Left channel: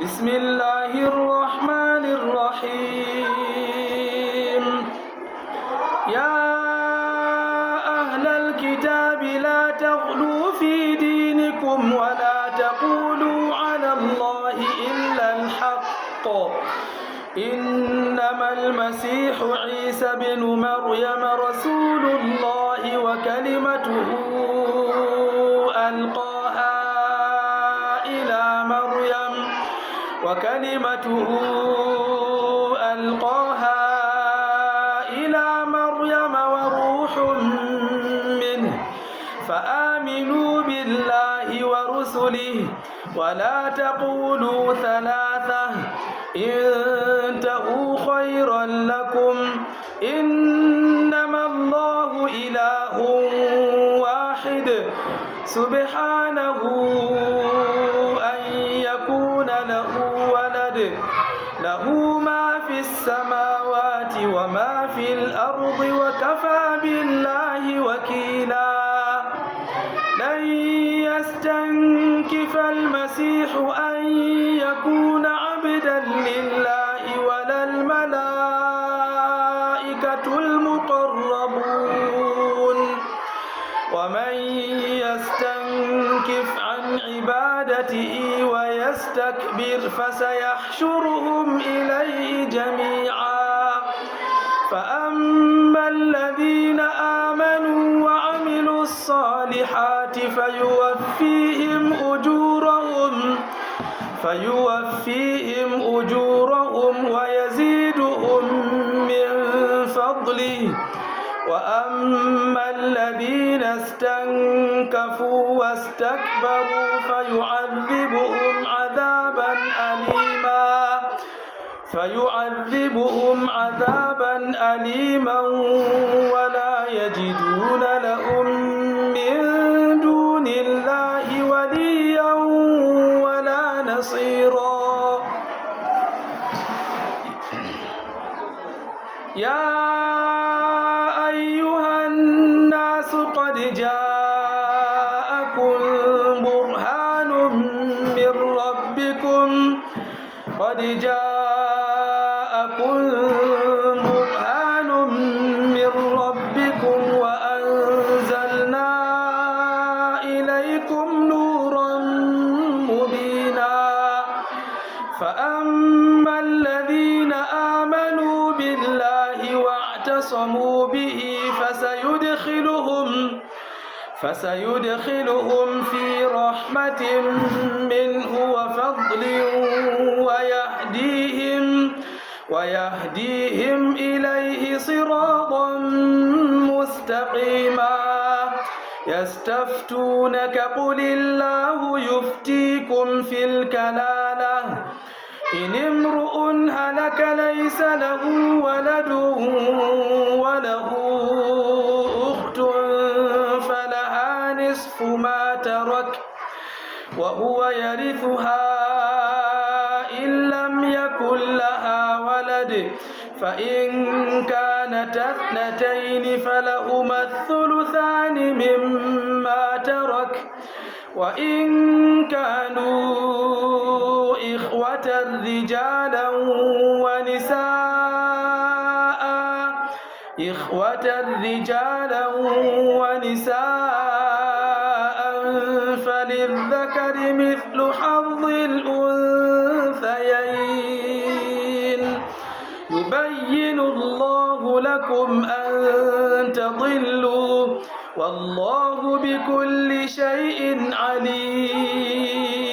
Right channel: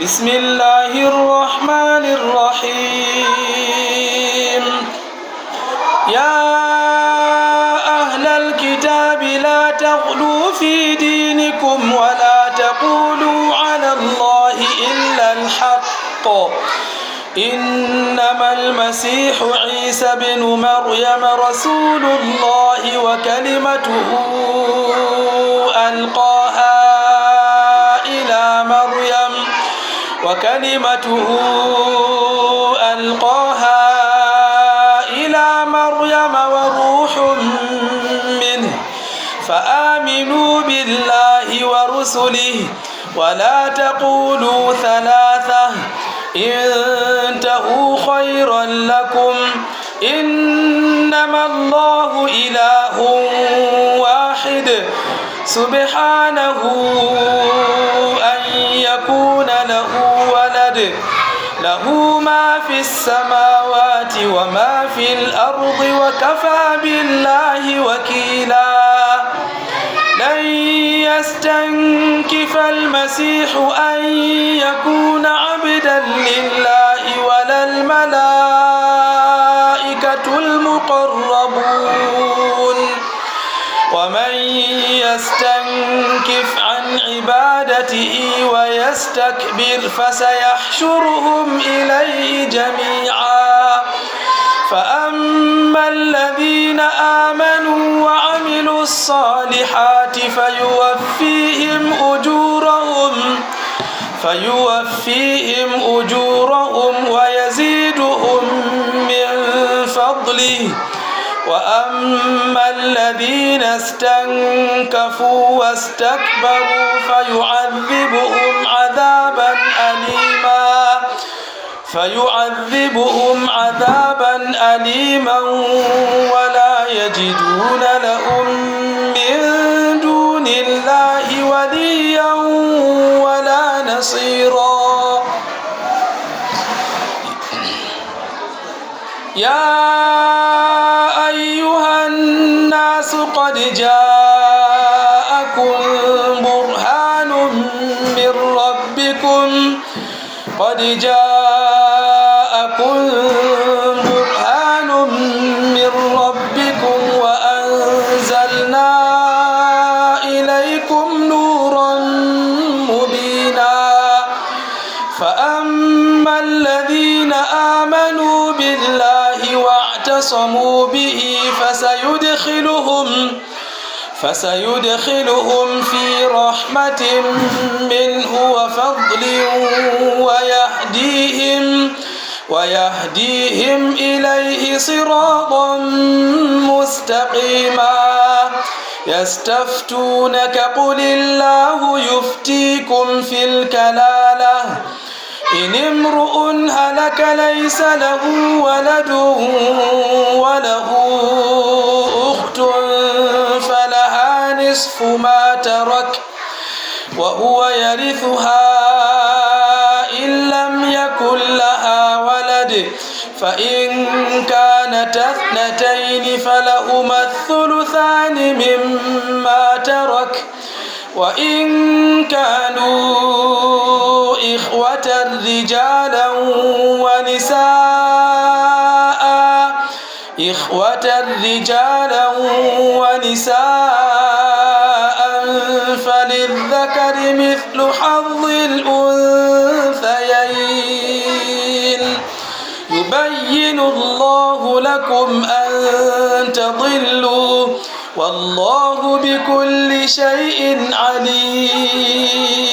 بسم الله الرحمن الرحيم يا أهل الكتاب لا تغلوا في دينكم ولا تقولوا على الله إلا الحق إنما المسيح عيسى بن مريم رسول الله وكلمته ألقاها إلى مريم وروح منه فآمنوا بالله ورسله ولا تقولوا ثلاثة انتهوا خيرا لكم إنما الله إله واحد سبحانه أن يكون له ولد له ما في السماوات وما في الأرض وكفى بالله وكيلا لن يستنكف المسيح أن يكون عبدا لله ولا الملائكة المقربون ومن يستنكف عن عبادته ويستكبر فسيحشرهم إليه جميعا فأما الذين آمنوا وعملوا الصالحات فيوفيهم أجورهم ويزيدهم من فضله وأما الذين استنكفوا واستكبروا فيعذبهم عذابا أليما ولا يجدون لهم من دون الله وليا ولا نصيرا يا أيها الناس قد جاءكم برهان من ربكم وأنزلنا إليكم نورا مبينا فأما الذين آمنوا بالله واعتصموا به فسيدخلهم في رحمة منه وفضل ويهديهم إليه صراطا مستقيما يستفتونك قل الله يفتيكم في الكلالة إن امرؤ هلك ليس له ولد وله أخت فلها نصف ما ترك وهو يرثها إن لم يكن لها ولد فإن كانتا اثنتين فلهما الثلثان مما ترك وإن كانوا إخوة رجالا ونساء فللذكر مثل حظ الأنثيين يبين الله لكم أن تضلوا والله بكل شيء عليم